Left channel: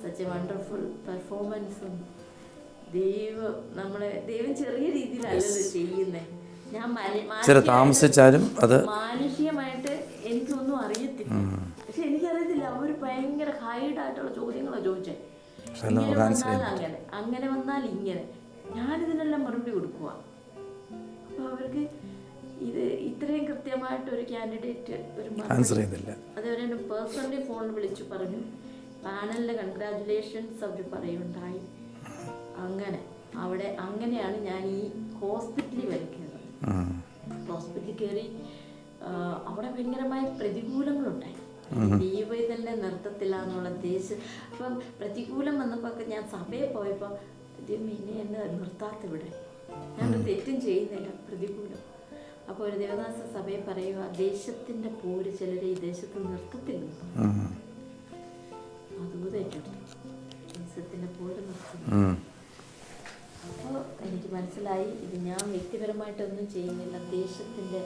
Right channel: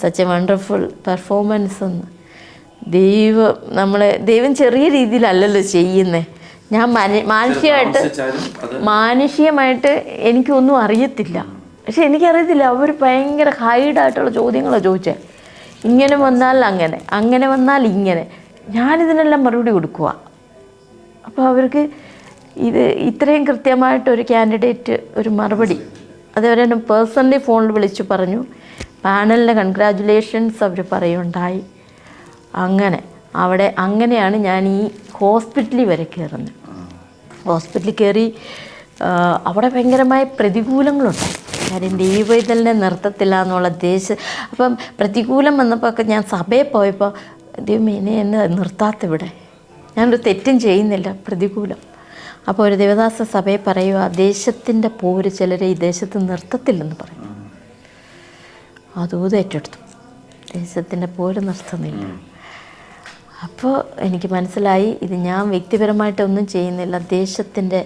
Such A wonderful performance എന്ന്. ദൈവം ചെറിയ രീതിയിലല്ലല്ലോ ചെയ്യുന്നത്. ഞാൻ മാനുഷികമായിട്ട് എനിക്കൊന്നും അറിയത്തില്ല. പക്ഷെ എനിക്കറിയത്തില്ല, അവർ ഭയങ്കര ഹൈഡായിട്ടുള്ള ചോദ്യങ്ങളാണ് ചോദിച്ചത്. ഇങ്ങനെ വന്നാൽ അങ്ങനെ, അങ്ങനെ വന്നാൽ ഇങ്ങനെ. ഞാനിതിനെല്ലാം മറുപടി കൊടുക്കുക. അപ്പോൾ അവർക്ക് ഇത്രയും കൃത്യമായിട്ടൊരു കാൻഡിഡേറ്റ് ഒരു മറുപടി, അതവരെ പേഴ്സണലി ഫോണിൽ വിളിച്ചു പറഞ്ഞു. പാനലിൻ്റെ കൺഗ്രാജുലേഷൻസ് അവർ പറയുണ്ടായി. അങ്ങനെയാണ് ഞാൻ ഈ ഹോസ്പിറ്റലിൽ വരെ കയറുന്നത്. ഹോസ്പിറ്റലിൽ കയറി അവിടെ ഭയങ്കരമായ പ്രതികൂലങ്ങളുണ്ടായി. കാര്യം ദൈവത്തിനെ നിർത്തത്തില്ല എന്നുള്ള അപ്പം പ്രതികൂലം വന്നപ്പോൾ ഒക്കെ ഞാൻ സഭയിൽ പോയപ്പോൾ ദൈവം എന്നെ നിർത്താത്തിവിടെ, ഞാനൊരു തെറ്റും ചെയ്യുന്നില്ല, പ്രതികൂലം. അപ്പോൾ ഒരു ദേവദാസ സഭയെ പറയുക, ദേശത്തിൻ്റെ പോര് ചിലരെ ഈ ദേശത്ത് നിർത്തത്തില്ലെന്ന് പറയും. അതൂത് ഏറ്റെടുത്തു, ദേശത്തിൻ്റെ പോര് നിർത്തുന്നില്ല. അപ്പോൾ എനിക്ക് മനസ്സിലായി, ഇത് ഞാൻ വ്യക്തിപരമായിട്ടൊന്നും ചെയ്യുന്നില്ല, ദേശത്തിൻ്റെ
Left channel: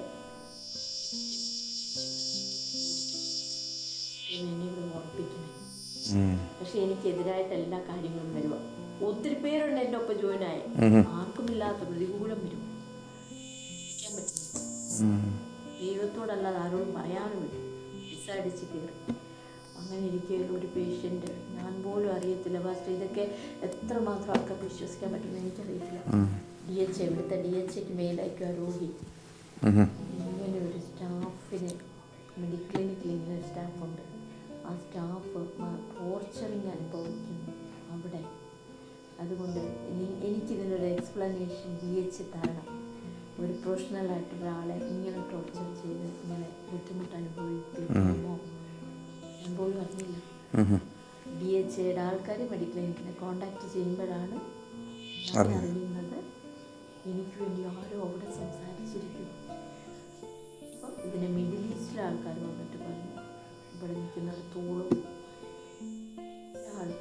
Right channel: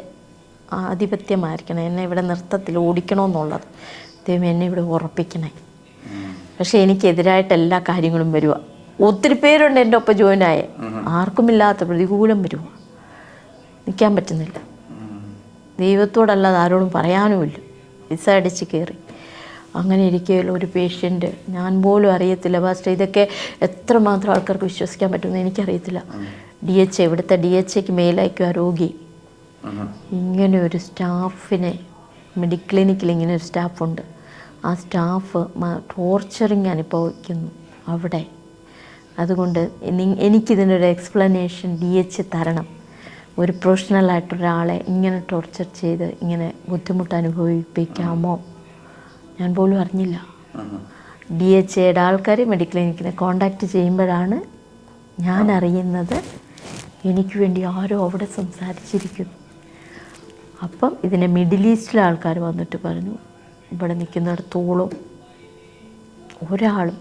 ആധിപത്യമായിരിക്കണം, എന്നെ ഇവിടെ നിർത്തത്തിൽ ഓടിക്കണമെന്നുള്ളത്. ദൈവം എന്നെ ഇവിടെ ഉറപ്പിക്കണേ. പക്ഷെ എനിക്കെതിരായിട്ട് എല്ലാ കാര്യങ്ങളും വരുക. ഒത്തിരി പേരുണ്ട് എൻ്റെ ഒപ്പം ജോയിനായ, ആർക്കുമില്ലാത്ത പ്രതികൂലം വരുക. നിൽക്കാൻ പറ്റുന്നില്ല. ദൈവത്തോടല്ലാതെ ആരോടും പറയാനുമില്ല. വിസ അടിച്ച് കയറി. അങ്ങനെ ഇരിക്കുകയുള്ള ഒരു പേഷ്യൻ്റ്, ഞാൻ പോലും അറിയത്തില്ല പാസ്റ്റർ, ഇതൊക്കെ എത്രമാത്രം ആൾക്കാർക്ക് വിശ്വസിക്കാൻ പറ്റുമെന്ന് എനിക്കറിയത്തില്ല. ഇവിടുത്തെ DHAക്ക് മേലയക്കുക രോഗി. ഇങ്ങനെ ഒരു സ്റ്റാഫിനെ, ക്ലിനിക്കിൽ ഇങ്ങനെ ഒരു സ്റ്റാഫുണ്ട്. ആ സ്റ്റാഫ് ടോർച്ചറിങ് അനുഭവിക്കുന്നു അവിടെ. അതുകൊണ്ട് എനിക്കിതിനൊരു എക്സ്പ്ലനേഷൻ DHA തരണം. ഒരു പ്രൊഫഷണലായിട്ടൊരാളെ ഇങ്ങനെ ടോർച്ചർ ചെയ്ത് ഇങ്ങനെ ബുദ്ധിമുട്ട് അനുഭവിപ്പിക്കാമോ? ഞാൻ പോലും അറിഞ്ഞില്ല. DHAയുടെ ആൾക്കാർ മെഡിക്കൽ ക്ലിനിക്കിനെ കോണ്ടാക്ട് ചെയ്യുമ്പോഴാണ് ഞാൻ അറിയുന്നത് എനിക്ക് വേണ്ടി ആരോ അവിടെ സംസാരിച്ചിരിക്കുന്നു. അപ്പം ഇതിനെ മിഡിൽ ഈസ്റ്റിലെ ആൾക്കാർ വന്നിട്ട് പറഞ്ഞു, ഇവിടെ നിൽക്കുന്നിടത്തോളം ഒരാളും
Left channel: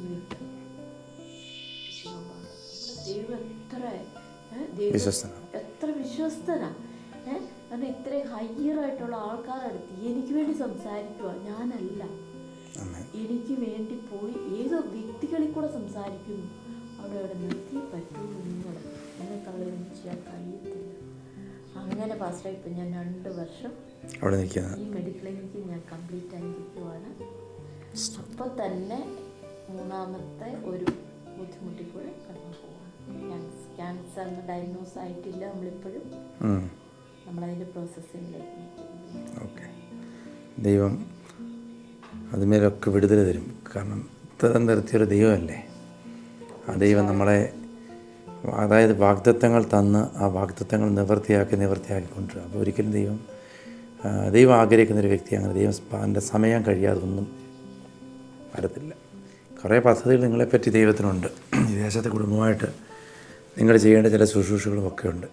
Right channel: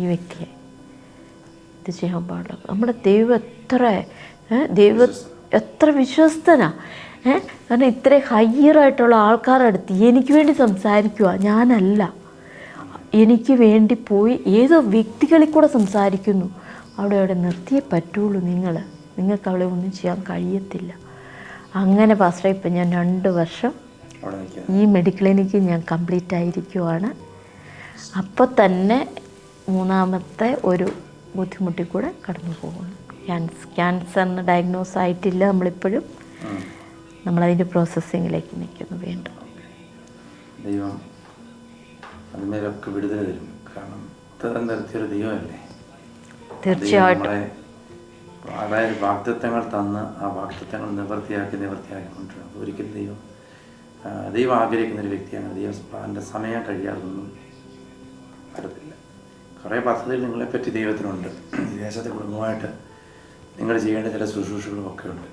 ഈ വ്യക്തിയെ ഇത് ചെയ്യാൻ പാടില്ല. നമ്മുടെ ദൈവം എത്ര വിശ്വസ്തനാ. കാരണം ഇത്രയും ഹയ്യറായിട്ടുള്ള ആൾക്കാരുടെ അടുത്ത് എനിക്ക് വേണ്ടി സംസാരിക്കുക, ഞാനല്ല, എനിക്ക് വേണ്ടി പോയി ഏതോ വ്യക്തികളിൽ കൂടെ സംസാരിക്കുന്നു. അവിടെ നിർത്തിയേ പറ്റുള്ളൂ. നിങ്ങൾക്ക് അവളെ ഒന്നും ചെയ്യാൻ കഴിയത്തില്ല. അങ്ങനെ പാസ്റ്റർ ഇപ്പം ഞാൻ 2 വർഷം ഈ മെഡിക്കൽ ക്ലിനിക്ക് ഞാൻ കംപ്ലീറ്റ് ആയിരിക്കുവാണ്. അപ്പോൾ തന്നെ 3ാമത്തെ ഒരു ബുദ്ധിമുട്ടിൽ കൂടെ കടന്നു പോകുന്നു. ക്യാൻസറിന് ഡയഗ്നോസ് ആയിട്ടില്ല നമ്മളിപ്പോഴും. നമ്മളതിൻ്റെ പ്രോസസ്സിങ്ങിലേക്ക് നിൽക്കുന്നു. വീണ്ടും ദൈവം അതിന്മേലൊക്കെ വിടുതൽ തരും. കാരണം തരം നിർത്തിയൊരു ദൈവമല്ലേ. തീർച്ചയായിട്ടും നമ്മളെ അതായത് വാഗ്ദത്തങ്ങൾ തന്ന് ആ വാഗ്ദത്തങ്ങൾ നിവർത്തിയാക്കിക്കൊണ്ടിരിക്കുക. അപ്പോൾ ഒരിക്കലും ദൈവം ആഗ്രഹിക്കുന്നൊരു വ്യക്തിയാണ്. ദൈവം സമയം കഴിയാതൊന്നും വരത്തില്ല. കുറേ പദ്ധതികൾ നിങ്ങളെപ്പറ്റി ദൈവത്തിനുണ്ട്. വിദേശത്തെ കുടുംബമായിട്ട് നിങ്ങൾ ചെയ്യേണ്ട ചില ശുശ്രൂഷകളും ഒക്കെ ഉണ്ട്.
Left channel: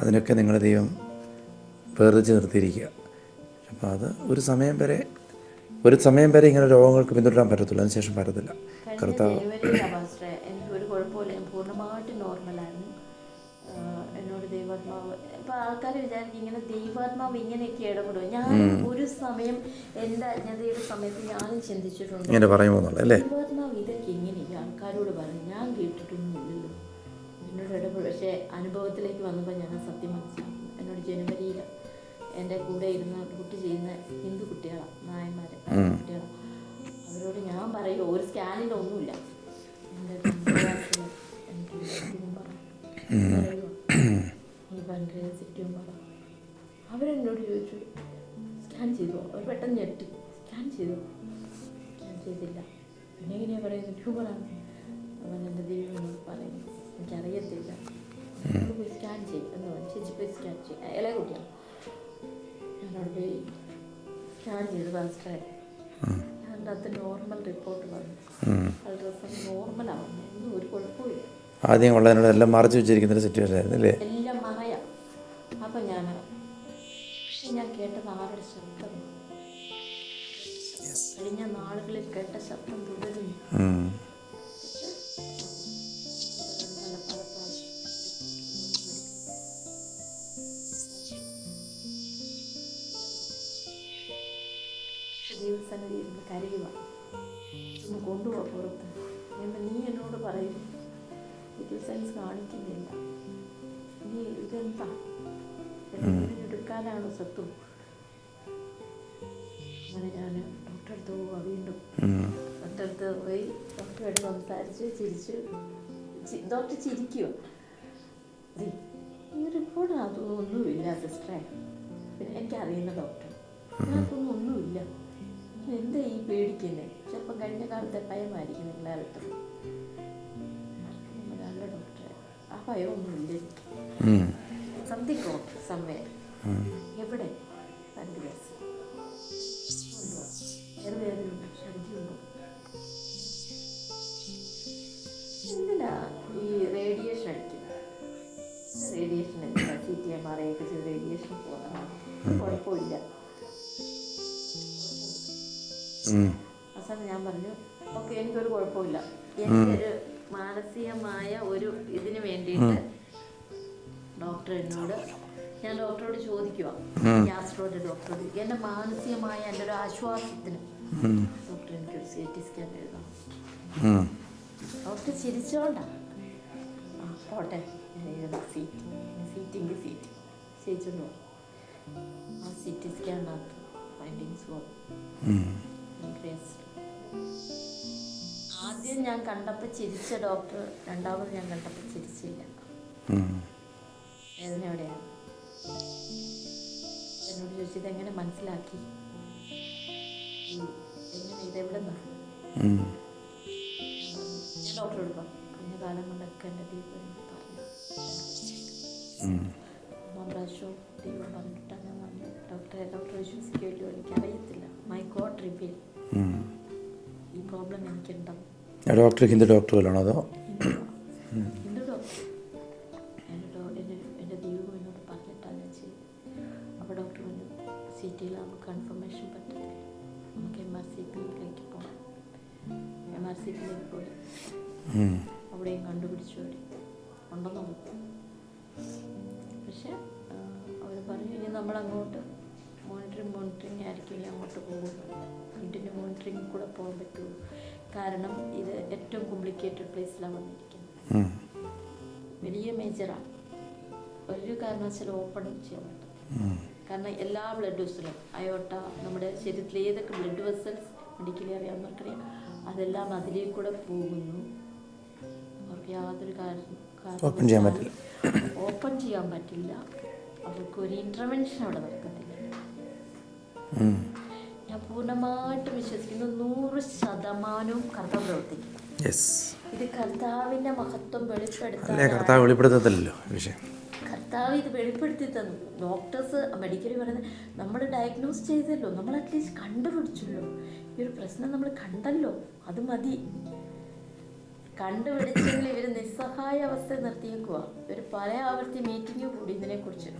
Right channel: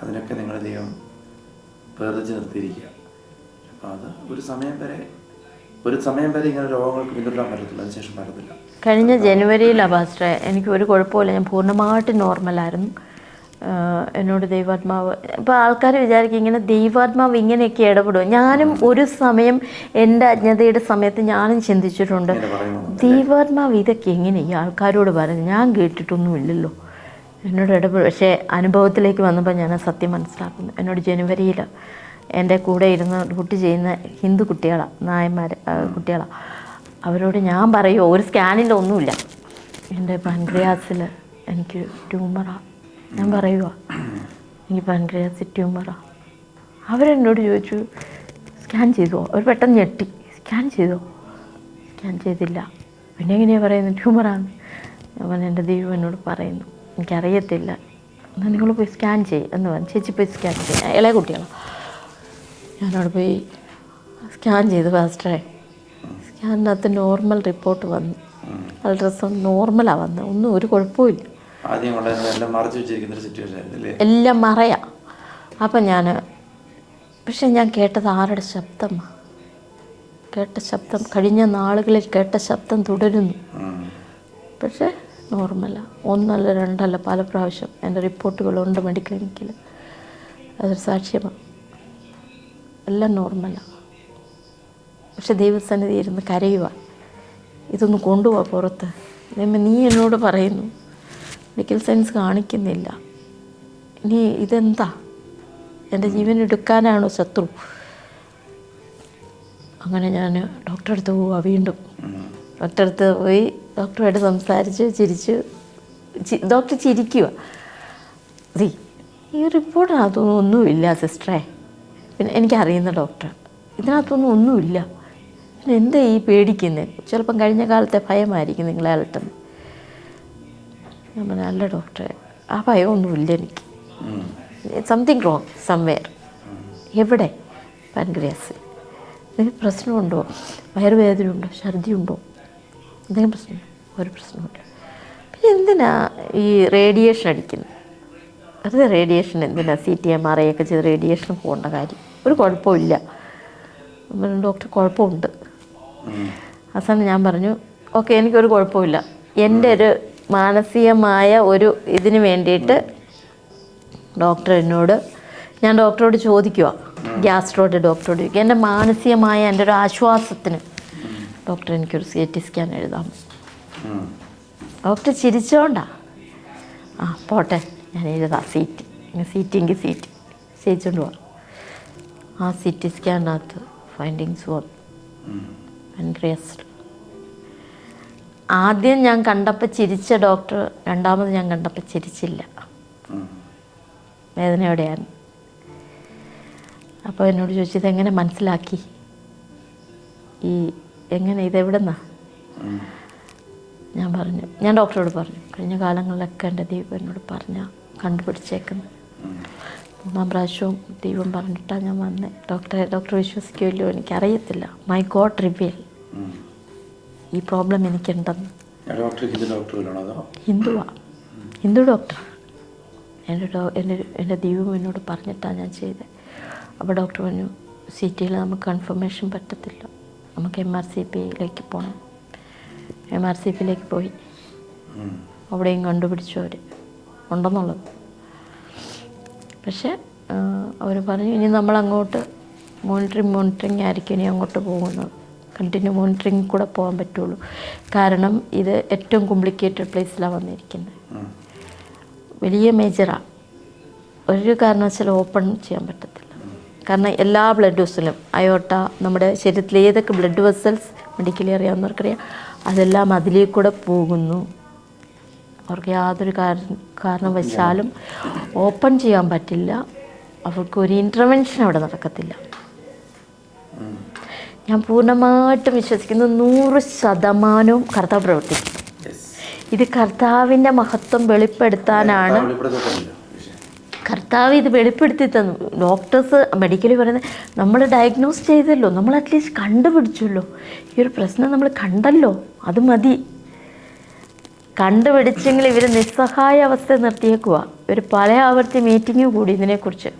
അതിനൊക്കെ നിങ്ങൾ ദൈവം വേർതിരിച്ച് നിർത്തിയിരിക്കുക. അപ്പോൾ അത് ഒരു സമയം വരെ ഇങ്ങനെ രോഗങ്ങൾക്ക് പിന്തുടരാൻ പറ്റത്തില്ല. അതിനുശേഷം പറ്റത്തില്ല. കഴിഞ്ഞ ജനുവരിയിലാണ് പാസ്റ്ററെ എനിക്ക് ഒരു കുഴപ്പമില്ല, ഞാൻ പൂർണ്ണമായിട്ട് നോർമലായിരുന്നു. എന്നോട് ദൈവാത്മാവ്, ഇപ്പോൾ ആൾക്കാർ വിചാരിക്കും ഇങ്ങനെ ദൈവാത്മാവ് ഇങ്ങനെയൊക്കെ ഇടപെടും. ഞാനും ഒരു സമയം എൻ്റെ അജ്ഞതയുടെ സമയത്ത് ഞാനും ചിന്തിച്ചിട്ടുണ്ട്, ദൈവാത്മാവ് ഇതൊക്കെ എങ്ങനെ ഈ ആൾക്കാരോട് പറഞ്ഞു, ഞാൻ കേട്ടിട്ടൊന്നുമില്ലല്ലോ, എന്നോട് ഇടപെടും. പക്ഷേ അനുഭവത്തിലേക്ക് വന്നപ്പോൾ ഞാൻ സത്യം മനസ്സിലാക്കുന്നു. എന്നോട് ജനുവരിയിൽ എൻ്റെ കൂടെ ഇരുന്ന് ഡ്യൂട്ടി ചെയ്യുന്ന ഹിന്ദു കുട്ടികളാണ്, നായന്മാർ കുട്ടികളാണ്. അവരോട് ഞാൻ പറയുമോ, ഒരു സ്കാനിൻ്റെ ഒന്നുമില്ല, എൻ്റെ പാൻക്രിയാസിൽ എനിക്ക് ട്യൂമറാണ്. ഞാൻ പറയുക എനിക്ക് പാൻക്രിയാസിൽ ട്യൂമറാണ്. അവരെന്നോട് ചോദിച്ചു സ്കാൻ ചെയ്തോ? അവർ പെട്ടെന്ന് ഞെട്ടി, സ്കാൻ ചെയ്തോ? സ്കാൻ ചെയ്തില്ല. പിന്നെ എങ്ങനെയാണ് പറയുന്നത് ട്യൂമറാണ്? ഞാൻ എൻ്റെ ദൈവം എന്നോട് പറയുന്നു എനിക്കറിയത്തില്ല, എന്നാൽ നിങ്ങൾ പോയി സ്കാൻ ചെയ്യും എന്ന് പറഞ്ഞു. ചേച്ചി പോയി സ്കാൻ ചെയ്യും, ഇളയ കുട്ടികളാണ്. ഞാനവിടെ പോയി സ്കാൻ ചെയ്തു പാസ്റ്ററെ. സ്കാനിനകത്ത് നോർമൽ റിപ്പോർട്ട് വന്നു, അൾട്രാസൗണ്ട് നോർമലാണ് വന്നത്, ഒന്നും ഒരു കുഴപ്പമില്ല. എല്ലാം മറയാം. അപ്പം പക്ഷെ ഞാൻ കേട്ടത് ആരുടെ ശബ്ദമാണ്? കഴിഞ്ഞ നാളുകളിൽ കേട്ട ശബ്ദം തുടരുന്നു. പക്ഷേ നോർമലാണ്. 1 അല്ല 2 അല്ല, പല പ്രാവശ്യം എൻ്റെ റിപ്പോർട്ടുകളുണ്ട് മെഡിക്കൽ ക്ലിനിക്കിൽ. അതൊരു സാക്ഷ്യമാണ്. എല്ലാം നോർമലാണ്. പക്ഷെ ദൈവസന്നിധി ഇരുന്ന് കരയുക, ഇതൊന്ന് കൊണ്ടുപോവാ പുറത്ത്. നീ എന്നോട് പറയുന്നു മെഡിക്കൽ സയൻസ് കാണിക്കുന്നില്ല, ഇനി ഇതെന്താ, എൻ്റെ ജീവൻ എടുക്കാനാണോ ശത്രു? അങ്ങനെ ഞാൻ ഡോക്ടറെ അടുത്ത് പോവുക. വീണ്ടും ഡോക്ടറെ അടുത്ത് പോയി ഡോക്ടറുമായിട്ട് സംസാരിച്ച് ചിരിച്ച് ഡോക്ടർ ചിരിക്കുക. ഈ റിപ്പോർട്ടിനകത്തൊന്നും ഒന്നുമില്ല സിസ്റ്ററെ. പിന്നെ എനിക്കറിയുന്ന ഡോക്ടർ, ഇതിനകത്തൊന്നും ഒന്നുമില്ല, പിന്നെ എന്താ ഈ പേടിക്കുന്നത്? ചിലപ്പം കഴിഞ്ഞ കാലത്തെ ഭയമായിരിക്കും നിങ്ങളെ അലട്ടുന്നത്. ഞാൻ പറഞ്ഞു അല്ല ഡോക്ടറെ, ആ ഭയമൊന്നുമില്ല എനിക്ക്. Something wrong somewhere. എവിടെ? പാൻക്രിയാസ്. എന്തെങ്കിലും പ്രശ്നമുണ്ടോ? വയറുവേദന ഉണ്ടോ? ഛർദി ഉണ്ടോ? എന്തെങ്കിലും പ്രശ്നം? ഒരു പ്രശ്നമില്ല. പിന്നെ എന്തിനാ ഈ റേഡിയേഷൻ അടിക്കുന്നത്? അത് റേഡിയേഷൻ എന്തിനാ? CT MRI ഒക്കെ ചെയ്ത് റേഡിയേഷൻ പോകേണ്ട കാര്യം? ഒരു കുഴപ്പമില്ല. ഡോക്ടർ കുഴപ്പമുണ്ട്. അവസാനം ഞാൻ പറഞ്ഞു ഓക്കെ, എനിക്കൊരു കുഴപ്പമില്ല. എൻ്റെ ഒരു മാനസികമായ ഒരു ഇതിന് വേണ്ടിയിട്ട് ഡോക്ടർ എന്നോട്, ഞാൻ ഡോക്ടറോട് ചോദിക്കുക, ഗ്യാസ്ട്രോയുടെ ഡോക്ടറോട് ചോദിക്കുക, എൻ്റെ മാനസികമായ എൻ്റെ ഒരു ആശ്വാസത്തിന് ഡോക്ടർ എനിക്കൊരു CT സ്കാൻ എഴുതാം. ഡോക്ടർ ചിരിച്ചോണ്ടാ. ആ പോട്ടെ, ഞാൻ എഴുതാം CT എങ്കിൽ CT ചെയ്യിച്ചോണ്ട് പോവാം. ആ CT സ്കാനിനകത്ത് ഫൈൻഡിങ്സ് വന്നു പാൻക്രിയാസ്. ആദ്യം ഞാൻ കണ്ടപ്പോൾ ചിരിച്ച ഡോക്ടർ രണ്ടാമത് ഞാൻ കണ്ടപ്പോൾ ചിരിച്ചില്ല, വേദനയോടെയാണ്. അപ്പോൾ എന്നോട് ചോദിച്ചു ഇതെങ്ങനെ മനസ്സിലാക്കി, എങ്ങനെ ഇതെവിടെന്നാ? ഞാൻ ഡോക്ടറോട് പറഞ്ഞു കഴിഞ്ഞ കാലങ്ങളിലൊക്കെ എൻ്റെ ദൈവം എന്നോട് പറഞ്ഞാൽ കണ്ടുപിടിച്ചേക്കുന്നത്. 3-ാം പ്രാവശ്യവും ദൈവം പറഞ്ഞിട്ടാണ് ഞാൻ വന്നത്. ഡോക്ടർ വിശ്വസിക്കുമല്ലോ എനിക്കറിയത്തില്ല. മൈ ഗോഡ് റിവീൽ ഈ പ്രോബ്ലം എനിക്കുണ്ടെന്ന്. ഹിന്ദു ഡോക്ടർ. എൻ്റെ ദൈവം എന്നോട് പറഞ്ഞിട്ടാണ് ഞാൻ ചെയ്തത്. അപ്പോൾ ഡോക്ടർ പറഞ്ഞു CTയിൽ നമുക്ക് കൺഫർമേഷൻ പറ്റത്തില്ല, നമുക്ക് MRCPയിലേക്ക് പോകണം. MRCPയിലേക്ക് പോയി അവിടെയും കണ്ടുപിടിച്ചു അവർ ഉണ്ടെന്നുള്ളത്. പക്ഷേ അവർ പറഞ്ഞു ഇനി നമ്മളങ്ങോട്ട് മോണിറ്ററിങ് ആയിരിക്കും ഇനി അങ്ങോട്ട് പോകുന്നത്. കണ്ടിന്യൂ മോണിറ്ററിങ് കൂടെ പോകാൻ പറ്റുള്ളൂ. കാരണം ഇത് ഏറ്റവും കോംപ്ലിക്കേറ്റഡ് പ്ലേസിലാണ് വന്നിരിക്കുന്നത്. വലിയ മേജറാണ്. ഒരു കാരണവശാലും ഓപ്പൺ ചെയ്യാൻ പറ്റത്തില്ല. കാരണം എല്ലാ ബ്ലഡ് വെസലും അയോട്ട, നമ്മുടെ ശരീരത്തിലെ ഏതൊക്കെ ബ്ലഡ് വെസൽസ് മെഡിക്കലി അറിയാവുന്നവർക്കറിയാം, അതെല്ലാം അതിലേക്ക് കൂടെ പോകുന്നു. അവർക്ക് യാതൊരു കാരണവശാലും ഓപ്പൺ ചെയ്യാൻ പറ്റില്ല. അവർക്ക് ഒരു ഇൻ്റർവെൻഷൻ അവിടെ നടക്കത്തില്ല. ഞാൻ പൂർണ്ണമായിട്ടും വിശ്വസിക്കുന്നു 100% കർത്താവ് പ്രവർത്തിക്കും. ഇത് കർത്താവിൻ്റെ മഹത്വം വെളിപ്പെടുത്താനാണ്. കർത്താവ് ഇത് വെളിപ്പെടുത്തി തന്നു. ഡോക്ടേഴ്സ് മെഡിക്കലി പറയുന്നത് നമ്മൾ ഡയഗ്നോസ് ചെയ്തല്ലോ, നമ്മൾ അറ്റ്ലീസ്റ്റ് കണ്ടുപിടിച്ചല്ലോ, ഈ ഒരു പ്രശ്നം നമ്മൾ കണ്ടല്ലോ, അത് മതി. കണ്ടുപിടിച്ചെങ്കിൽ ഇവർ നിസ്സഹായ അവസ്ഥ നിർത്തിയേക്കുക. ഇവർ പല ആവർത്തി മീറ്റിംഗ് കൂടി ഇതിനെക്കുറിച്ച്.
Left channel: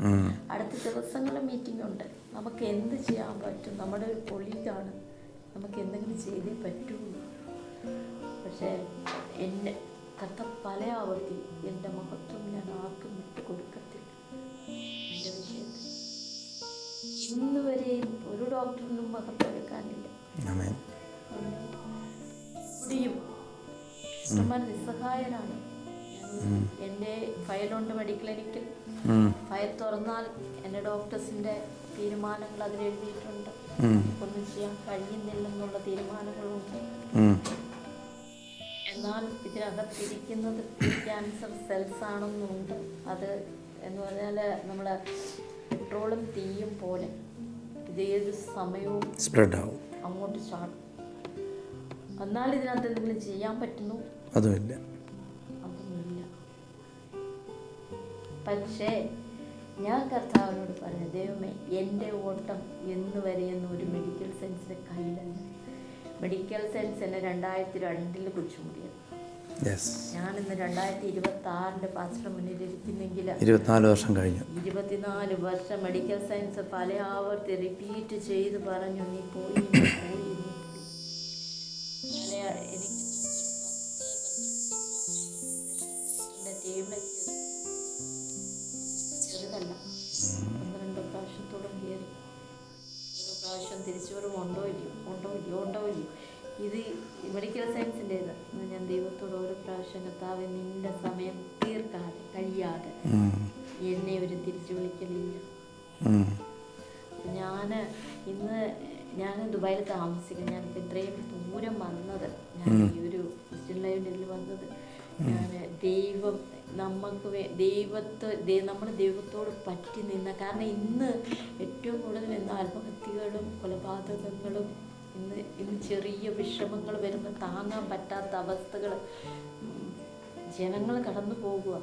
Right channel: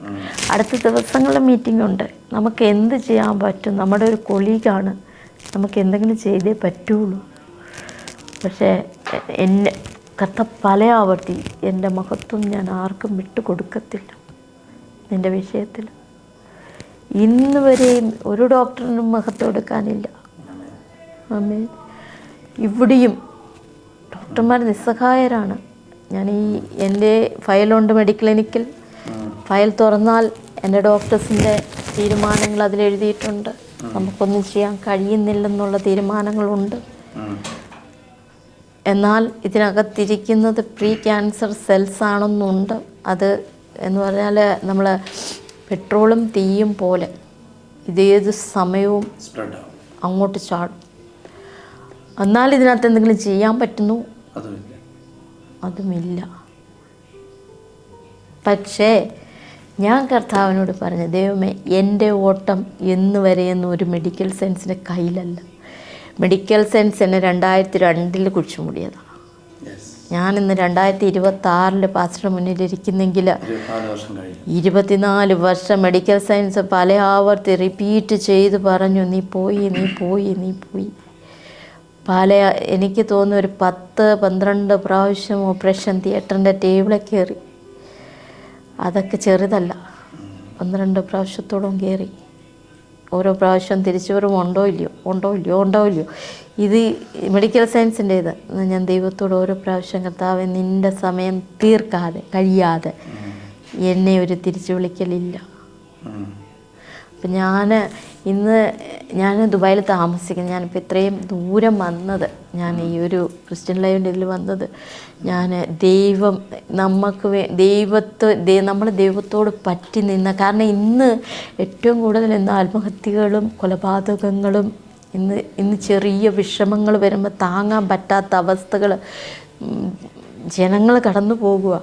അടുത്ത ദിവസങ്ങളിലെ മീറ്റിംഗ് ഉണ്ട്. നമുക്ക് എന്ത് ചെയ്യാൻ പറ്റും? നമ്മുടെ ഒരു കൊളീഗാണ്, നമുക്ക് എന്തെങ്കിലും ചെയ്തേ പറ്റുള്ളൂ. പക്ഷേ എന്നെ പല ആവർത്തി എൻ്റെ മഹത്വം ഞാൻ ആർക്കും വിട്ടുകൊടുക്കത്തില്ല. എൻ്റെ വിഷയത്തിൽ ഇന്ന് വരെയും ഒരു ഡോക്ടറിനും മഹത്വം എടുക്കാനില്ല. ആമേൻ. ഇവിടെയും ഡോക്ടർമാർ നിസ്സഹായരാണ്. ഞാൻ എൻ്റെ ഫയലുണ്ട് മെഡിക്കൽ ക്ലിനിക്കിൽ. ഫയൽ തുറന്നാൽ എൻ്റെ ഡോക്ടേഴ്സിൻ്റെ തീരുമാനങ്ങൾ അതിലെഴുതിയിട്ടുണ്ട്. നമുക്കൊന്നും ചെയ്യാൻ കഴിയുന്നില്ലെന്നുള്ള തീരുമാനങ്ങളുണ്ട്. എന്നാൽ ഇതിനകത്തിരിക്കുന്നത് പ്രീ ക്യാൻസർ സെൽസ് ആണെന്നുണ്ട്. അത് എന്ന് പറഞ്ഞാൽ നമ്മൾ പെട്രോളും തീയും പോലെ ഇതേത് സമയവും അങ്ങോട്ട് ചാടും. എന്നാൽ ഇതിനകത്ത് എന്തെങ്കിലും ചെയ്യാൻ പറ്റുന്നു? അതുമില്ല. പക്ഷേ ഞാൻ കർത്താവിനോട് പറഞ്ഞു, ദൈവമേ എൻ്റെ ഓട്ടം എന്ന് വരെയെന്നും ഒരു മെഡിക്കൽ സയൻസിൻ്റെ കയ്യിലല്ല. മെഡിക്കൽ സയൻസ് എന്നെ 2002 കുഴിച്ചു മൂടിയതാണ്. ഞാനിന്ന് 2026 പാസ്റ്റർ മുന്നിലിരിക്കുന്നെങ്കിൽ 24 വർഷം മെഡിക്കൽ സയൻസ് പല ആവർത്തി റിപ്പീറ്റ് ചെയ്ത് പറഞ്ഞു, നീ പോയി. എനിക്ക് തോന്നുന്നു ഒരു 10-12 പ്രാവശ്യം ഓപ്പറേഷൻ തിയേറ്ററിൻ്റെ ടേബിളിൽ കയറി. അതൊക്കെ ചെറുതല്ല, 12 പ്രാവശ്യത്തോളം കയറി. ഓരോ പ്രാവശ്യം തിരിച്ചുവരവ് ഉണ്ടോ ഇല്ലയോ. ഇത് മെഡിക്കൽ സയൻസിൻ്റെ ഇത് ഞാൻ ദൈവത്തോട് ഓരോ പ്രാവശ്യം കർത്താവേ നിൻ്റെ സമയം കഴിയാതെ എന്നെ ഒരു തിരിച്ചു വിളിക്കലില്ല. അപ്പം ഞാൻ ദുബായിൽ താമസിക്കുന്നത്. ഞാനിപ്പോൾ ഇത്രയും ദൂരം വന്നത്, ഞാൻ ഈ ഒരു ക്രിസ്ത്യൻ ലൈവിൻ്റെ ഇതിൽ വന്നത്, ഞാൻ നമ്മൾ ദൈവത്തോട് പറ്റി നിന്ന കാരണം ഇന്ന് ഏറ്റവും കൂടുതൽ ആത്മഹത്യകളും കൊലപാതകങ്ങളും ഇന്ന് ചെറിയ വിഷമങ്ങൾ വരുമ്പോൾ താങ്ങാൻ പറ്റാത്ത അവസ്ഥകൾ ജനങ്ങൾ കടന്നു പോകുക.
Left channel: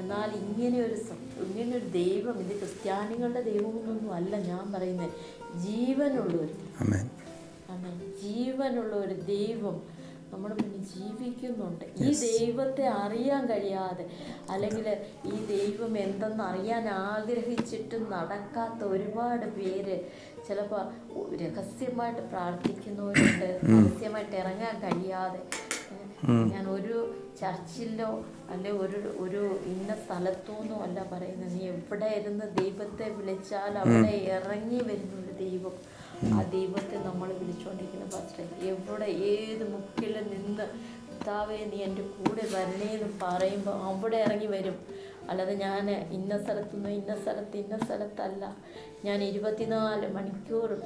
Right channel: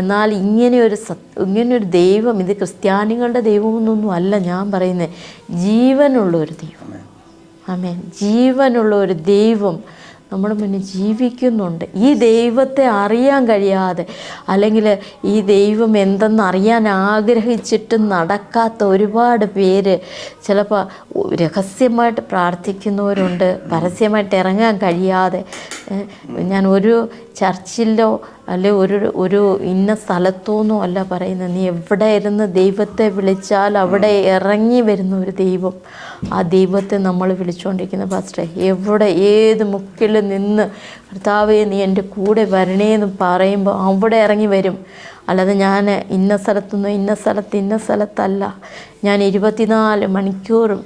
എന്നാൽ ഇങ്ങനെയൊരു ദൈവം, ഇത് ക്രിസ്ത്യാനികളുടെ ദൈവമൊന്നും അല്ല ഞാൻ പറയുന്നത്, ജീവനുള്ള ഒരു ദൈവം. ആമേൻ. ജീവനുള്ള ഒരു ദൈവം നമ്മുടെ മുന്നിൽ ജീവിക്കുന്നുണ്ട്. ഈ ദൈവത്തെ അറിയാൻ കഴിയാതെ, അല്ലെങ്കിൽ ഈ ദൈവം എന്തെന്ന് അറിയാൻ ആഗ്രഹിച്ചിട്ട് നടക്കാത്ത ഒരുപാട് പേര് ചിലപ്പോൾ രഹസ്യമായിട്ട് പ്രാർത്ഥിക്കുന്നവരുണ്ട്, പരസ്യമായിട്ട് ഇറങ്ങാൻ കഴിയാതെ. ഞാൻ ഒരു ചർച്ചിലോ അല്ലെ ഒരു ഇന്ന സ്ഥലത്തോന്നോ അല്ല പറയുന്നത്, നീ എവിടെ ഇരുന്ന് ദൈവത്തെ വിളിച്ചാൽ അവിടെ ഇറങ്ങി വരുന്ന ഒരു ദൈവം. ആ ദൈവത്തെ നമ്മൾ വിളിച്ചുകൊണ്ടിരിക്കുന്ന പാസ്റ്ററെ, ഏത് മുക്കിൽ നിന്ന് കർത്താവേ നീ എൻ്റെ കൂടെ വരണേന്ന് പറയുമ്പോൾ അവിടെ ഇറങ്ങി വരും. അല്ലാതെ ഞാൻ ഇന്ന സ്ഥലത്തല്ല. ഞാൻ 24 മണിക്കൂറും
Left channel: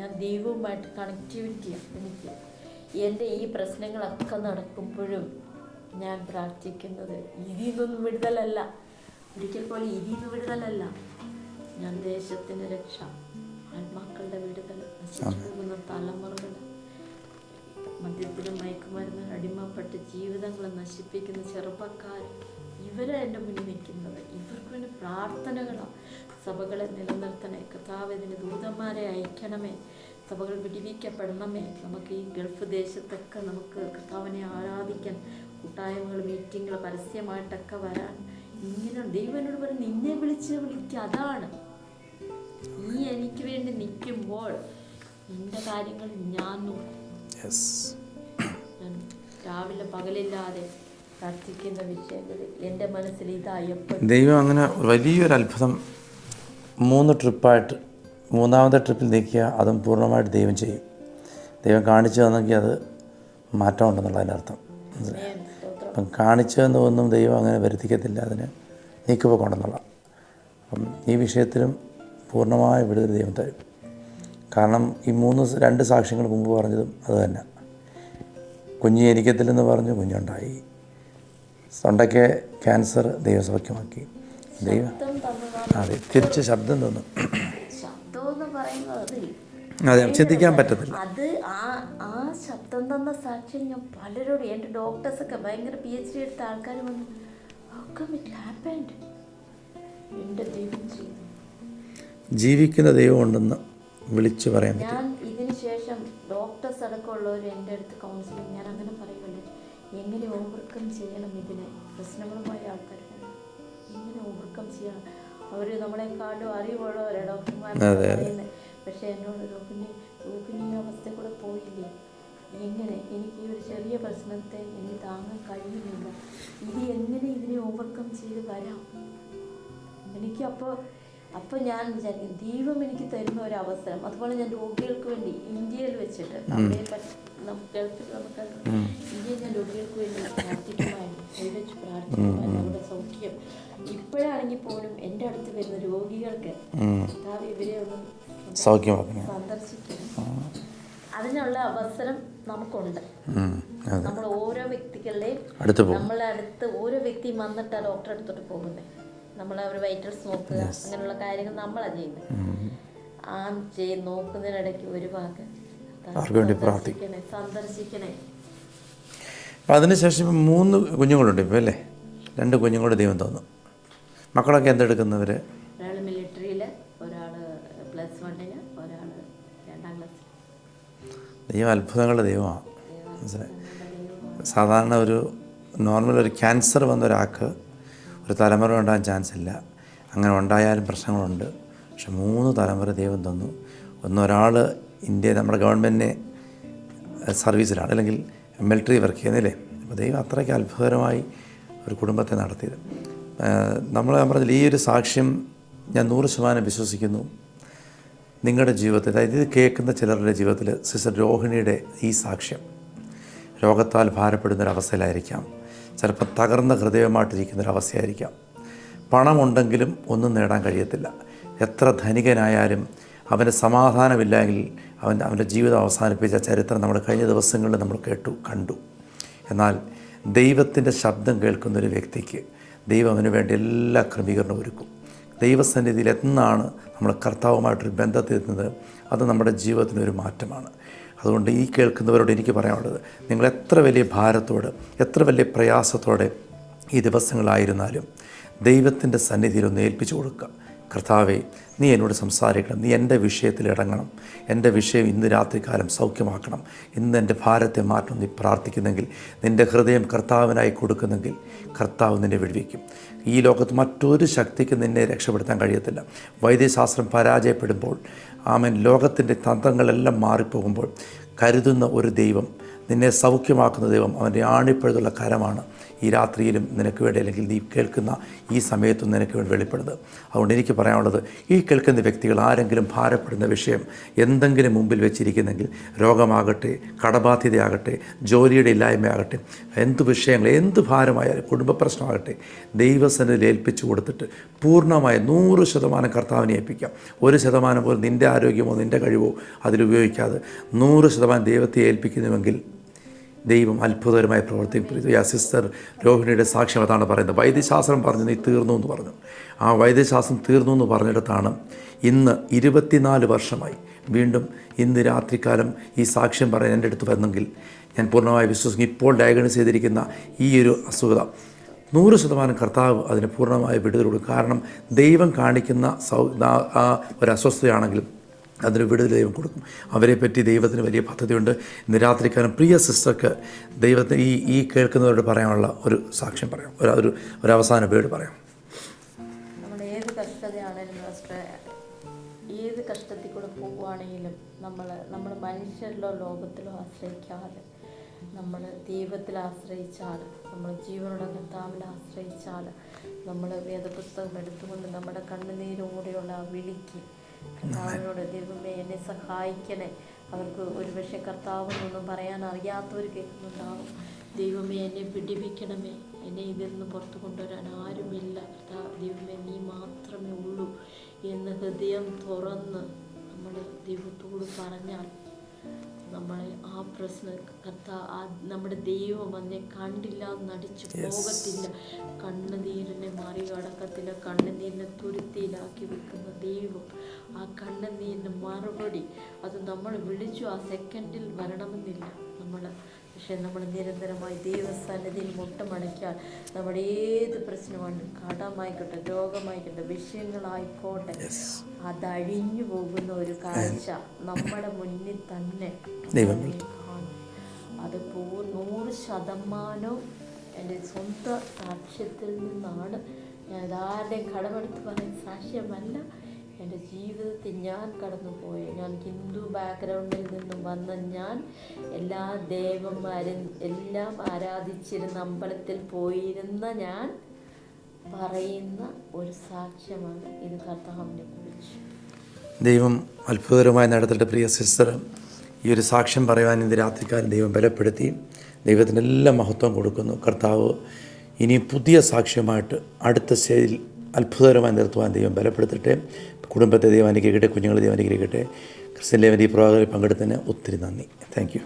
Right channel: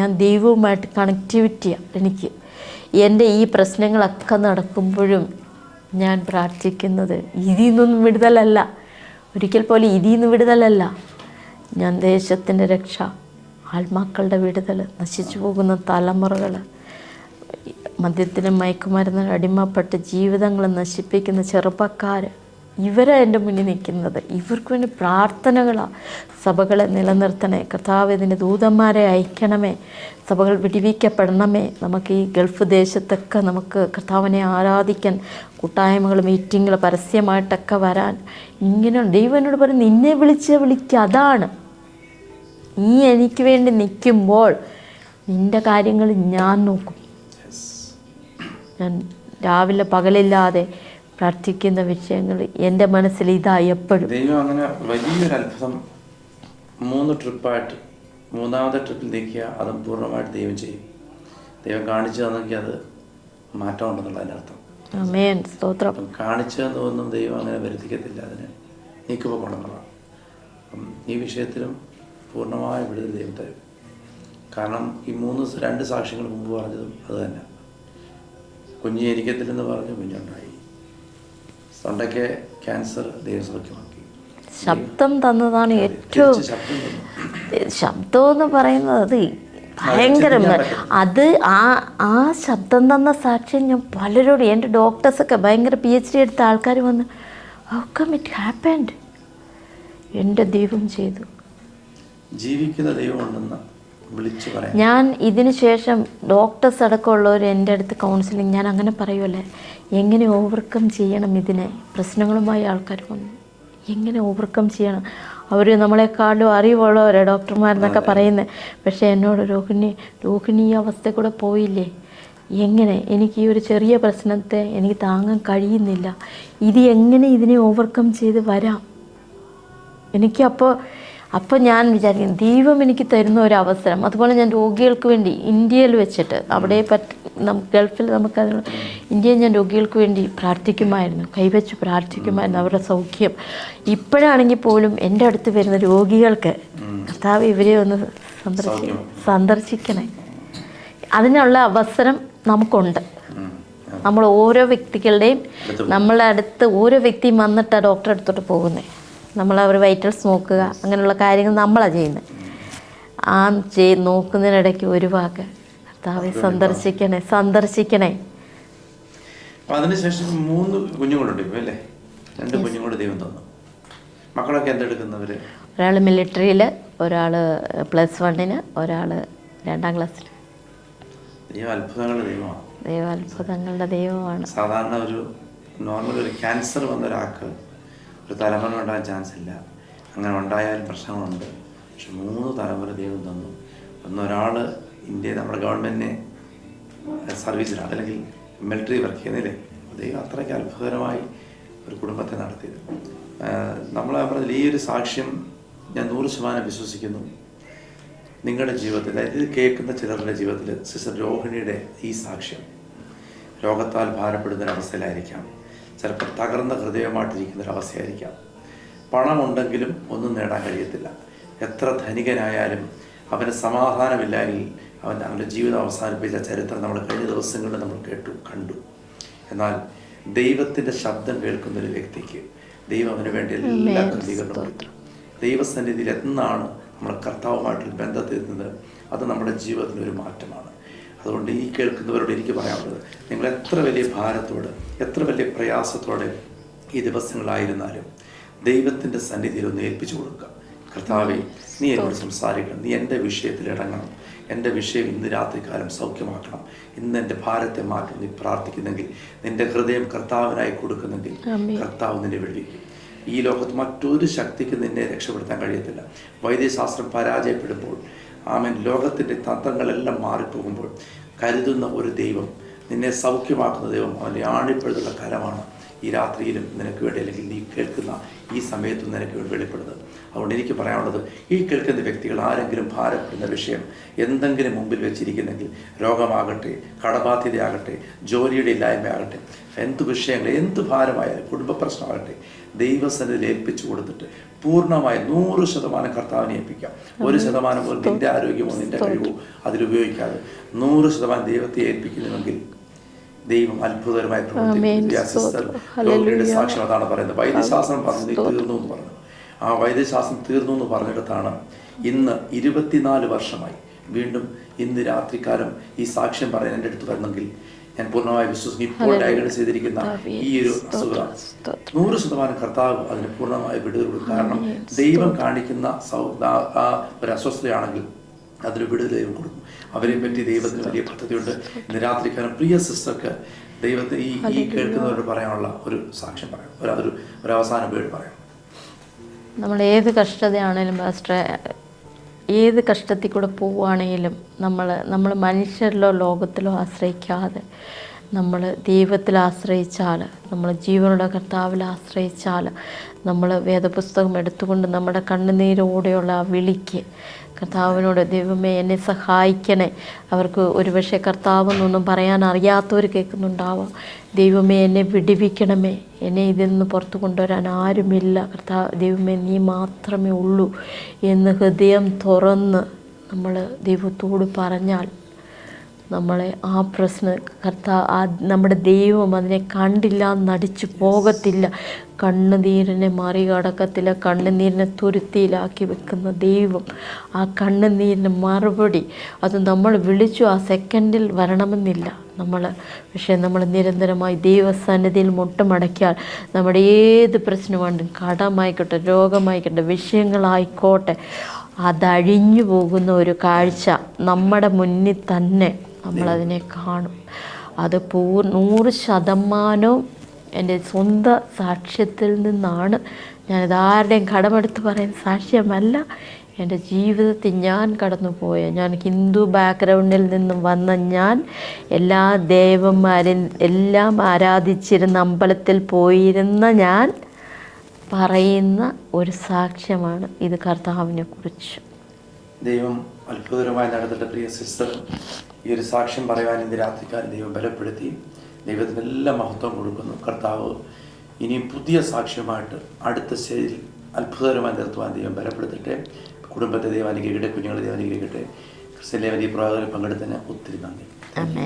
ഞാൻ ദൈവവുമായിട്ട് കണക്ടിവിറ്റിയാണ്. എനിക്ക് എൻ്റെ ഈ പ്രശ്നങ്ങളൊക്കെ നടക്കുമ്പോഴും ഞാൻ പ്രാർത്ഥിക്കുന്നത് ഇതിൽ നിന്നൊന്നും വിടുതലല്ല, ഒരിക്കൽ പോലും ഇതിൽ നിന്ന് വിടുതലല്ല. ഞാൻ ദേശത്തിൻ്റെ രക്ഷ, ആത്മാക്കളുടെ വിടുതൽ, നശിച്ചു പോകുന്ന തലമുറകൾ, മദ്യത്തിനും മയക്കുമരുന്നിനും അടിമപ്പെട്ട് ജീവിതങ്ങൾ നശിപ്പിക്കുന്ന ചെറുപ്പക്കാർ, ഇവരാണ് എൻ്റെ മുന്നിൽ നിൽക്കുന്നത്. ഇവർക്ക് വേണ്ടി പ്രാർത്ഥനകളാണ്. സഭകളെ നിലനിർത്തണേ കർത്താവ്, ഇതിൻ്റെ ദൂതന്മാരെ അയക്കണമേ, സഭകൾ വിടിവിക്കപ്പെടണമേ. നമുക്ക് ഈ ഗൾഫ് ദേശത്തൊക്കെ നമുക്ക് കർത്താവിനെ ആരാധിക്കാൻ കൂട്ടായ്മകൾ, മീറ്റിങ്ങുകൾ, പരസ്യമായിട്ടൊക്കെ വരാൻ ഇങ്ങനെ ദൈവം എന്നോട് പറയും, നിന്നെ വിളിക്കുക. അതാണ് നീ എനിക്ക് വേണ്ടി നിൽക്കുമ്പോൾ നിൻ്റെ കാര്യങ്ങൾ ഞാൻ നോക്കും. ഞാൻ രാവിലെ പകലില്ലാതെ പ്രാർത്ഥിക്കുന്ന വിഷയങ്ങൾ എൻ്റെ മനസ്സിൽ ഇതായി എപ്പോഴും. ദൈവം അങ്ങനെ വലിയൊരു അത്ഭുതം 3 ട്രിപ്പായിട്ട്, 3ാമത്തെ ട്രിപ്പിൽ നീക്കിയ അതും പൂർണ്ണമായിട്ട് ദൈവം ചെയ്യും. ദൈവം കാണിച്ചു തന്നെങ്കിൽ അത് മാറ്റം ഉണ്ടെന്നുള്ളതിൻ്റെ അർത്ഥം. ആമേൻ. സ്തോത്രം. അപ്പം കാണിച്ചതെന്നൊന്നും ദൈവം അങ്ങനെ വരുത്തിക്കത്തില്ല, അതിന് നീക്കുപോക്കുണ്ടെന്നുള്ള. അപ്പം ഈ വിഷയത്തിലും പൂർണ്ണമായ വിടുതൽ ദൈവം തരും. കാരണം ഈ 2 സാക്ഷ്യങ്ങൾ മുമ്പ് പറഞ്ഞതും അത് തന്നെ. കുഞ്ഞ് ജനിക്കത്തില്ലെന്ന് പറഞ്ഞു, കുഞ്ഞുണ്ടായി. തൊണ്ടയ്ക്ക് ക്യാൻസർ ദൈവസൗഖ്യമാക്കി. ശബ്ദം തന്നതാണ് ഏറ്റവും ശബ്ദം എന്ന് പറയുന്നത്. അത് ഭയങ്കരമാണ്. അത് ആ ശബ്ദം തന്ന സാക്ഷ്യം ഞാൻ പലരോട്, എൻ്റെ ഡോക്ടേഴ്സൊക്കെ ഭയങ്കര PhD എടുത്ത ആൾക്കാർ വന്ന്, ഹൗ കം ഇറ്റ് ഹാപ്പൻഡ്, എൻ്റെ ദൈവം ചെയ്തു. ജീവിക്കുന്ന ദൈവം ഉണ്ടെന്ന് വിളിച്ചു പറയാം. ഞാൻ ഇതിന് ശേഷം ഡോക്ടേഴ്സ് അടക്കമുള്ളവർ എൻ്റെ അടുത്ത് കൗൺസിലിംഗ്, ഞാൻ അങ്ങനെ പറയുമല്ലേ, എങ്ങനെ ഓവർകം ചെയ്യണം ഇതിനെ, പ്രശ്നങ്ങളുമായി ആൾക്കാർ വന്നു എങ്ങനെ ഓവർകം ചെയ്യണം. അവർ നമ്മളെക്കാളും അറിവുള്ളവരെ ഡോക്ടർമാരെന്നൊക്കെ പറയുന്നത്. പക്ഷേ എന്നോട് രോഹിണി ഈ അവസ്ഥ കൂടെ പോയില്ലേ, എങ്ങനെ എനിക്ക് ഈ ഒരു ചെറിയ പ്രശ്നത്തെ എനിക്ക് താങ്ങാൻ കഴിയുന്നില്ല, ഇത് എങ്ങനെ ഇതിനെ ഓവർകം ചെയ്ത് വരാം. അപ്പോൾ ഞാൻ വിചാരിക്കും ദൈവം എനിക്ക് തരുന്ന ഒരു അവസരം. അതുപോലെ ഞാൻ രോഗികൾക്ക് വേണ്ടി ഇന്ത്യയിൽ വെച്ചിട്ട്, അവിടെ ഗൾഫിൽ നമുക്കതിന് ഇന്ത്യയിൽ ഞാൻ രോഗികൾക്ക് വേണ്ടി പ്രാർത്ഥിക്കുമായിരുന്നു, കൈവച്ച് പ്രാർത്ഥിക്കുമായിരുന്നു അവരുടെ സൗഖ്യം. ഇപ്പോഴാണെങ്കിൽ പോലും എൻ്റെ അടുത്ത് വരുന്ന രോഗികൾക്ക് കർത്താവ് ഇവരെ ഒന്ന് സന്ദർശിക്കണേ, അതിനുള്ള അവസരം നമുക്കുണ്ട്. നമ്മൾ ഓരോ വ്യക്തികളുടെയും നമ്മളെ അടുത്ത് ഓരോ വ്യക്തിയും വന്നിട്ട് ഡോക്ടറെ അടുത്തോട്ട് പോകുന്നത്. നമ്മൾ അവർ വൈറ്റൽസ് നോക്കുക, അങ്ങനെയുള്ള കാര്യങ്ങൾ നമ്മളാണ് ചെയ്യുന്നത്. നോക്കുന്നതിനിടയ്ക്ക് ഒരു വാക്ക് കർത്താവെ സന്ദർശിക്കണേ. അപ്പോൾ അതിനുശേഷം 3 കുഞ്ഞുങ്ങളുണ്ട് ഇപ്പോൾ അല്ലേ? 2 കുഞ്ഞുങ്ങളുടെ ദൈവം തന്നു. മക്കളൊക്കെ എന്തെടുക്കുന്നവർ? ഒരാൾ മിലിറ്ററിയിൽ, ഒരാൾ +1, ഒരാൾ 2ാം ക്ലാസ്സിൽ. ദൈവം അത്ഭുതങ്ങളുടെ ദൈവമാണ്. ദൈവം അത്ഭുതങ്ങളുടെ ദൈവമാണ്. സാധാരണ ഒരു നോർമൽ ഒരു ക്യാൻസർ വന്ന ഒരാൾക്ക് ഒരു തലമുറ ഉണ്ടാകാൻ ചാൻസ് ഇല്ല. അങ്ങനെ ഉണ്ടായാലും പ്രശ്നങ്ങളുണ്ട്. പക്ഷെ 3 തലമുറ ദൈവം തന്നു. ഒരാൾ ഇന്ത്യ നമ്മുടെ ഗവൺമെൻറ്റിനെ സർവീസിലാണ്, അല്ലെങ്കിൽ മിലിറ്ററി വർക്ക് ചെയ്യുന്നില്ലേ. അപ്പോൾ ദൈവം അത്രയ്ക്ക് അത്ഭുതകരമായി ഒരു കുടുംബത്തെ നടത്തിയത്. നമ്മൾ പറഞ്ഞില്ല, ഈ ഒരു സാക്ഷ്യം ഞാൻ 100% വിശ്വസിക്കുന്നു. നിങ്ങളുടെ ജീവിതത്തിൽ, അതായത് ഇത് കേൾക്കുന്ന ചിലരുടെ ജീവിതത്തിൽ സിസ്റ്റർ രോഹിണിയുടെ ഈ സാക്ഷ്യം രോഗത്താൽ ഭാരപ്പെടുന്നൊരവസ്ഥയിലായിരിക്കാം, ചിലപ്പോൾ തകർന്ന ഹൃദയമായിട്ടിരിക്കുന്നൊരവസ്ഥയായിരിക്കാം. പണമുണ്ടെങ്കിലും ഒന്നും നേടാൻ കഴിയത്തില്ല. എത്ര ധനികനായാലും അവന് സമാധാനമില്ലെങ്കിൽ അവൻ്റെ ജീവിതം അവസാനിപ്പിച്ച ചരിത്രം നമ്മൾ കഴിഞ്ഞ ദിവസങ്ങളിൽ നമ്മൾ കണ്ടു. എന്നാൽ ദൈവത്തിൻ്റെ ശബ്ദം കേൾക്കുന്ന ഒരു വ്യക്തിക്ക് ദൈവം അവന് വേണ്ടി എല്ലാ ക്രമീകരണവും ഒരുക്കും. ദൈവസന്നിധിയിൽ എന്നാണ് നമ്മൾ കർത്താവുമായിട്ടൊരു ബന്ധത്തിലെത്തുന്നത്, അത് നമ്മുടെ ജീവിതത്തിലൊരു മാറ്റമാണ്. അതുകൊണ്ട് ഈ കേൾക്കുന്നവരോട് എനിക്ക് പറയാനുള്ളത്, നിങ്ങൾ എത്ര വലിയ ഭാരത്തോടെ, എത്ര വലിയ പ്രയാസത്തോടെ ഈ ദിവസങ്ങളായിരുന്നാലും ദൈവത്തിൻ്റെ സന്നിധിയിൽ ഒന്ന് ഏൽപ്പിച്ചു കൊടുക്കുക. കർത്താവേ, നീ എന്നോട് സംസാരിക്കണം, നീ എൻ്റെ വിഷയത്തിൽ ഇടങ്ങണം, എൻ്റെ വിഷയം ഇന്ന് രാത്രികാലം സൗഖ്യമാക്കണം, ഇന്ന് എൻ്റെ ഭാരത്തെ മാറ്റം നീ പ്രാർത്ഥിക്കുന്നെങ്കിൽ, നിൻ്റെ ഹൃദയം കർത്താവിനായി കൊടുക്കുന്നെങ്കിൽ കർത്താവ് നിന്നെ വിടുവിക്കും. ഈ ലോകത്ത് മറ്റൊരു ശക്തിക്ക് നിന്നെ രക്ഷപ്പെടുത്താൻ കഴിയത്തില്ല. വൈദ്യശാസ്ത്രം പരാജയപ്പെടുമ്പോൾ, ലോകത്തിൻ്റെ തന്ത്രങ്ങളെല്ലാം മാറിപ്പോകുമ്പോൾ കരുതുന്ന ഒരു ദൈവം, നിന്നെ സൗഖ്യമാക്കുന്ന ദൈവം, അവൻ്റെ ആണിപ്പഴുതുള്ള കരമാണ് ഈ രാത്രിയിലും നിനക്ക് വേണ്ടി, അല്ലെങ്കിൽ നീ കേൾക്കുന്ന ഈ സമയത്തും നിനക്ക് വേണ്ടി വെളിപ്പെടുന്നത്. അതുകൊണ്ട് എനിക്ക് പറയാനുള്ളത്, ഈ കേൾക്കുന്ന വ്യക്തികൾ ആരെങ്കിലും ഭാരപ്പെടുന്ന വിഷയം എന്തെങ്കിലും മുമ്പിൽ വെച്ചിരിക്കുന്നെങ്കിൽ, രോഗമാകട്ടെ, കടബാധ്യതയാകട്ടെ, ജോലിയുടെ ഇല്ലായ്മയാകട്ടെ, എന്ത് വിഷയങ്ങൾ, എന്ത് ഭാരമായാലും, കുടുംബ പ്രശ്നമാകട്ടെ, ദൈവസന്നിധിയിൽ ഏൽപ്പിച്ചു കൊടുത്തിട്ട് പൂർണ്ണമായി 100% കർത്താവിനെ ഏൽപ്പിക്കാം. 1% പോലും നിൻ്റെ ആരോഗ്യമോ നിൻ്റെ കഴിവോ അതിലുപയോഗിക്കാതെ 100% ദൈവത്തെ ഏൽപ്പിക്കുന്നുവെങ്കിൽ ദൈവം അത്ഭുതകരമായി പ്രവർത്തിക്കുന്നു. സിസ്റ്റർ രോഹിണിയുടെ സാക്ഷ്യം അതാണ് പറയുന്നത്. വൈദ്യശാസ്ത്രം പറഞ്ഞു നീ തീർന്നു എന്ന് പറഞ്ഞു. ആ വൈദ്യശാസ്ത്രം തീർന്നു എന്ന് പറഞ്ഞിടത്താണ് ഇന്ന് 24 വർഷമായി വീണ്ടും ഇന്ന് രാത്രികാലം ഈ സാക്ഷ്യം പറയാൻ എൻ്റെ അടുത്ത് വന്നെങ്കിൽ ഞാൻ പൂർണ്ണമായി വിശ്വസിക്കും. ഇപ്പോൾ ഡയഗ്നോസ് ചെയ്തിരിക്കുന്ന ഈ ഒരു അസുഖം 100% കർത്താവ് അതിന് പൂർണ്ണമായി വിടുതൽ കൊടുക്കും. കാരണം ദൈവം കാണിക്കുന്ന ഒരു അസ്വസ്ഥതയാണെങ്കിൽ അതിന് വിടുതൽ ദൈവം കൊടുക്കും. അവരെ പറ്റി ദൈവത്തിന് വലിയ പദ്ധതിയുണ്ട്. ഇന്ന് രാത്രിക്കാലം പ്രിയ സിസ്റ്റർക്ക് ദൈവത്തിന് ഈ കേൾക്കുന്നവരോട് പറയാനുള്ള ഒരു സാക്ഷ്യം പറയാം, ഒരു അവസാന വേർഡ് പറയാം. നമ്മൾ ഏത് കഷ്ടതയാണേലും പാസ്റ്ററെ, ഏത് കഷ്ടത്തിൽ കൂടെ പോവുകയാണെങ്കിലും നമ്മൾ മനുഷ്യരിലോ ലോകത്തിലോ ആശ്രയിക്കാതെ നമ്മൾ ദൈവത്തിൽ ആശ്രയിച്ചാൽ, നമ്മൾ ജീവനുള്ള കർത്താവിൽ ആശ്രയിച്ചാൽ, നമ്മൾ വേദപുസ്തകം എടുത്തുകൊണ്ട് നമ്മുടെ കണ്ണുനീരോടെയുള്ള ആ വിളിക്ക് കർത്താവിനോട്, ദൈവമേ എന്നെ സഹായിക്കണേ. അവർക്ക് ഒരുപക്ഷെ കർത്താവെന്നൊന്നും പറയാൻ അറിയാത്തവർ കേൾക്കുന്നുണ്ടാവാം. ദൈവമേ എന്നെ വിടുവിക്കണമേ, എന്നെ ഇതിൽ നിന്ന് പുറത്തു കൊണ്ടുവരാൻ ആരുമില്ല, ദൈവമേ നീ മാത്രമേ ഉള്ളൂ എന്ന് ഹൃദയം തുറന്ന് നമ്മൾ ദൈവത്തോട് പറഞ്ഞാൽ നമ്മളെ ആ പ്രശ്നം നമ്മുടെ ദൈവം അതിനെ കണ്ടില്ല നടിച്ചു പോകത്തില്ല. കണ്ണുനീരിനെ മറികടക്കത്തില്ല. കണ്ണുനീരിനെ തുരുത്തിയിലാക്കി വെക്കുന്ന ദൈവം, ആ കണ്ണുനീരിന് മറുപടി അത് നമ്മൾ വിളിച്ചു ആ സെക്കൻഡിൽ വരണമെന്നില്ല. പക്ഷേ നമ്മൾ നിരന്തരമായി ദൈവസന്നിധിയിൽ മുട്ടുമടക്കിയാൽ നമ്മുടെ ഏത് പ്രശ്നമുണ്ടും, കടമായിക്കോട്ടെ, രോഗമായിക്കോട്ടെ, വിഷയങ്ങളായിക്കോട്ടെ, അതഴിഞ്ഞു പോകുന്ന ഒരു കാഴ്ച നമ്മുടെ മുന്നിൽ തന്നെ നമ്മളതിനെ കാണും. അത് 100% എൻ്റെ സ്വന്തം സാക്ഷ്യത്തിൽ നിന്നാണ്. ഞാനിത് ആരുടെയും കടമെടുത്ത് പറയുന്ന സാക്ഷ്യമല്ല. എൻ്റെ ജീവിതത്തിൽ ഞാൻ കടന്നുപോയ, ഞാൻ ഹിന്ദു ബാക്ക്ഗ്രൗണ്ടിൽ നിന്നും വന്ന ഞാൻ, എല്ലാ ദേവന്മാരും എല്ലാം ആരാധിച്ചിരുന്ന അമ്പലത്തിൽ പോയിരുന്ന ഞാൻ പറയുന്ന ഒരു സാക്ഷ്യമാണ് ഇത് കർത്താവിനെ കുറിച്ച്. ദൈവം അത്ഭുതകരമായി നടത്തിയിട്ട് പ്രിയ സിസ്റ്റർ ഈ ഒരു സാക്ഷ്യം പറയുവാൻ ഇന്ന് രാത്രിക്കാരൻ ദൈവം ബലപ്പെടുത്തി. ദൈവത്തിന് എല്ലാ മഹത്വം കൊടുക്കുന്നു. കർത്താവ് ഇനി പുതിയ സാക്ഷ്യമായിട്ട് അടുത്ത സ്റ്റേജിൽ അത്ഭുതകരമായി നിർത്തുവാൻ ദൈവം ബലപ്പെടുത്തട്ടെ. കുടുംബത്തെ ദൈവം അനുഗ്രഹിക്കട്ടെ, കുഞ്ഞുങ്ങളെ ദൈവം അനുഗ്രഹിക്കട്ടെ. ക്രിസ്ത്യൻ ലേവൻ ഈ പ്രവാഹത്തിൽ പങ്കെടുത്തതിന് ഒത്തിരി നന്ദി. Thank you.